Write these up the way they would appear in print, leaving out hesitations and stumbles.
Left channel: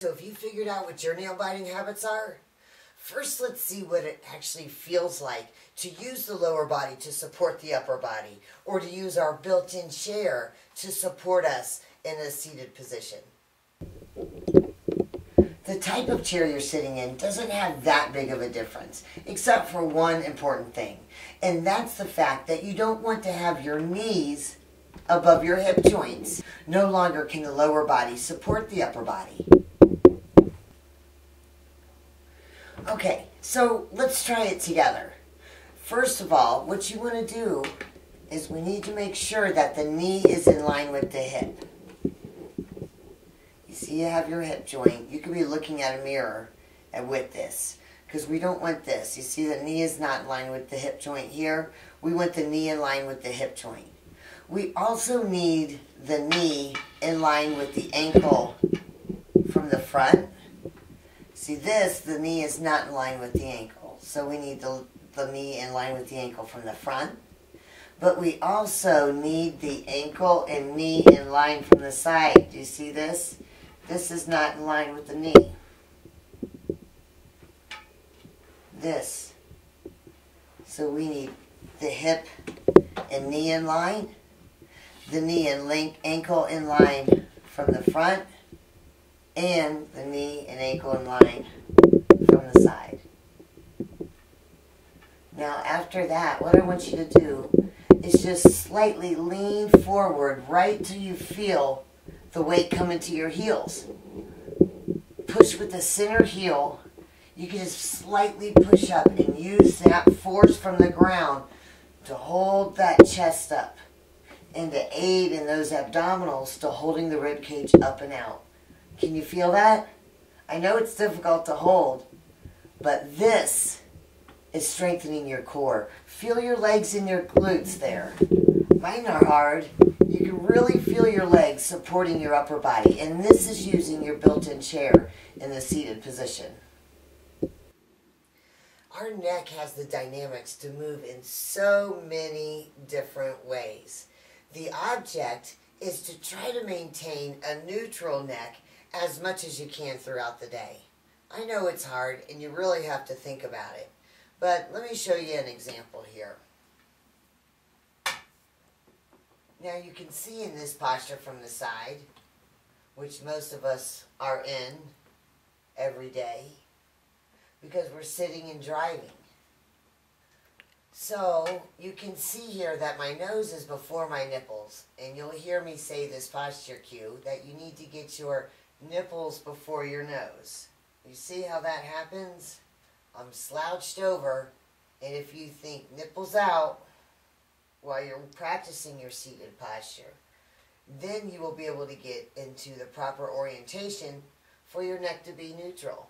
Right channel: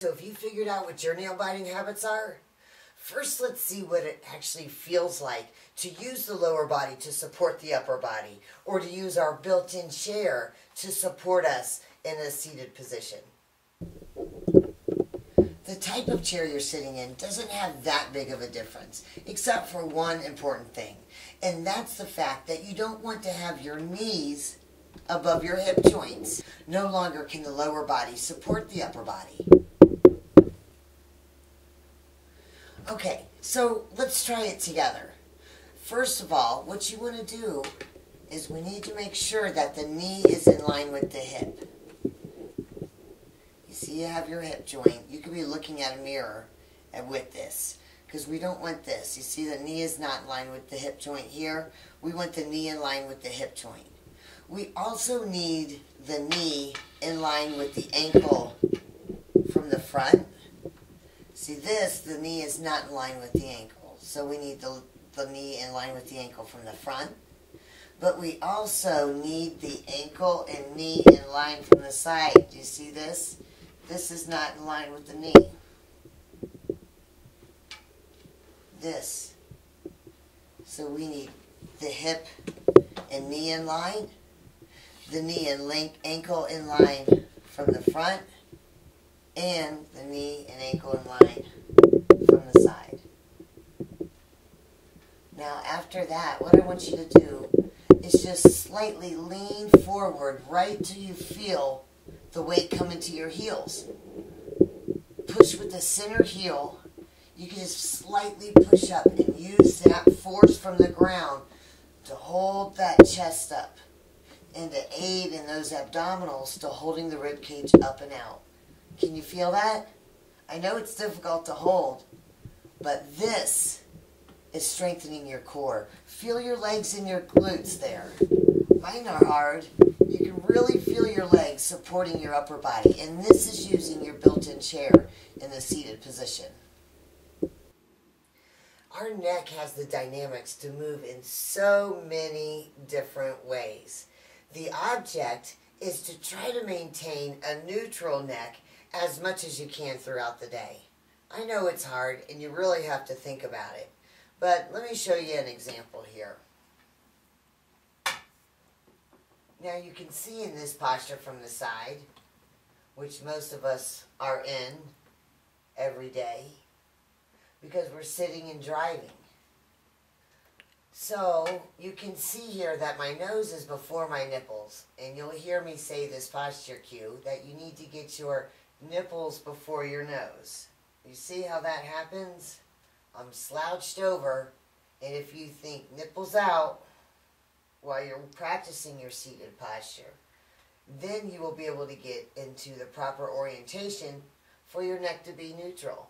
So if you figured out what your nail biting habits are, first let's see what it actually feels like to use the lower body to support the upper body, or to use our built-in chair to support us in a seated position. The type of chair you're sitting in doesn't have that big of a difference, except for one important thing, and that's the fact that you don't want to have your knees above your hip joints. No longer can the lower body support the upper body. Okay, so let's try it together. First of all, what you want to do is we need to make sure that the knee is in line with the hip. You see you have your hip joint. You could be looking at a mirror with this, because we don't want this. You see the knee is not in line with the hip joint here. We want the knee in line with the hip joint. We also need the knee in line with the ankle from the front. See this, the knee is not in line with the ankle. So we need the knee in line with the ankle from the front. But we also need the ankle and knee in line from the side. Do you see this? This is not in line with the knee. This. So we need the hip and knee in line, the knee and ankle in line from the front, and the knee and ankle in line from the side. Now after that, what I want you to do is just slightly lean forward right till you feel the weight come into your heels. Push with the center heel. You can just slightly push up and use that force from the ground to hold that chest up and to aid in those abdominals to holding the rib cage up and out. Can you feel that? I know it's difficult to hold, but this is strengthening your core. Feel your legs and your glutes there. Mine are hard. You can really feel your legs supporting your upper body, and this is using your built-in chair in the seated position. Our neck has the dynamics to move in so many different ways. The object is to try to maintain a neutral neck as much as you can throughout the day. I know it's hard and you really have to think about it, but let me show you an example here. Now you can see in this posture from the side, which most of us are in every day, because we're sitting and driving. So you can see here that my nose is before my nipples, and you'll hear me say this posture cue that you need to get your nipples before your nose. You see how that happens? I'm slouched over, and if you think nipples out while you're practicing your seated posture, then you will be able to get into the proper orientation for your neck to be neutral.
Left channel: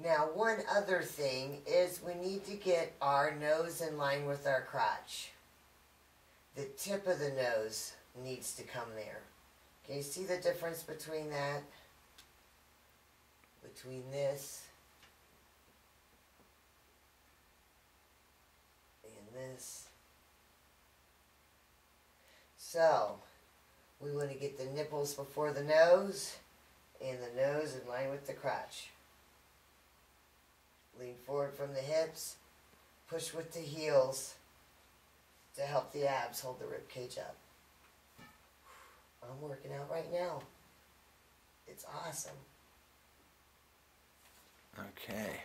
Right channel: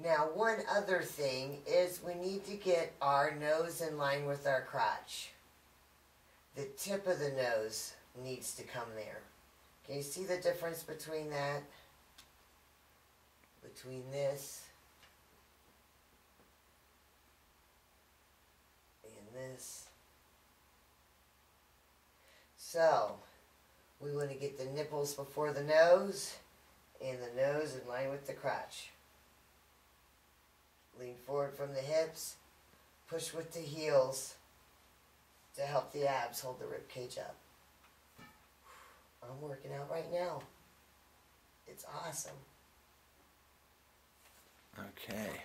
Now, one other thing is we need to get our nose in line with our crotch. The tip of the nose needs to come there. Can you see the difference between that? Between this and this. So, we want to get the nipples before the nose and the nose in line with the crotch. Lean forward from the hips, push with the heels to help the abs hold the rib cage up. I'm working out right now. It's awesome. Okay.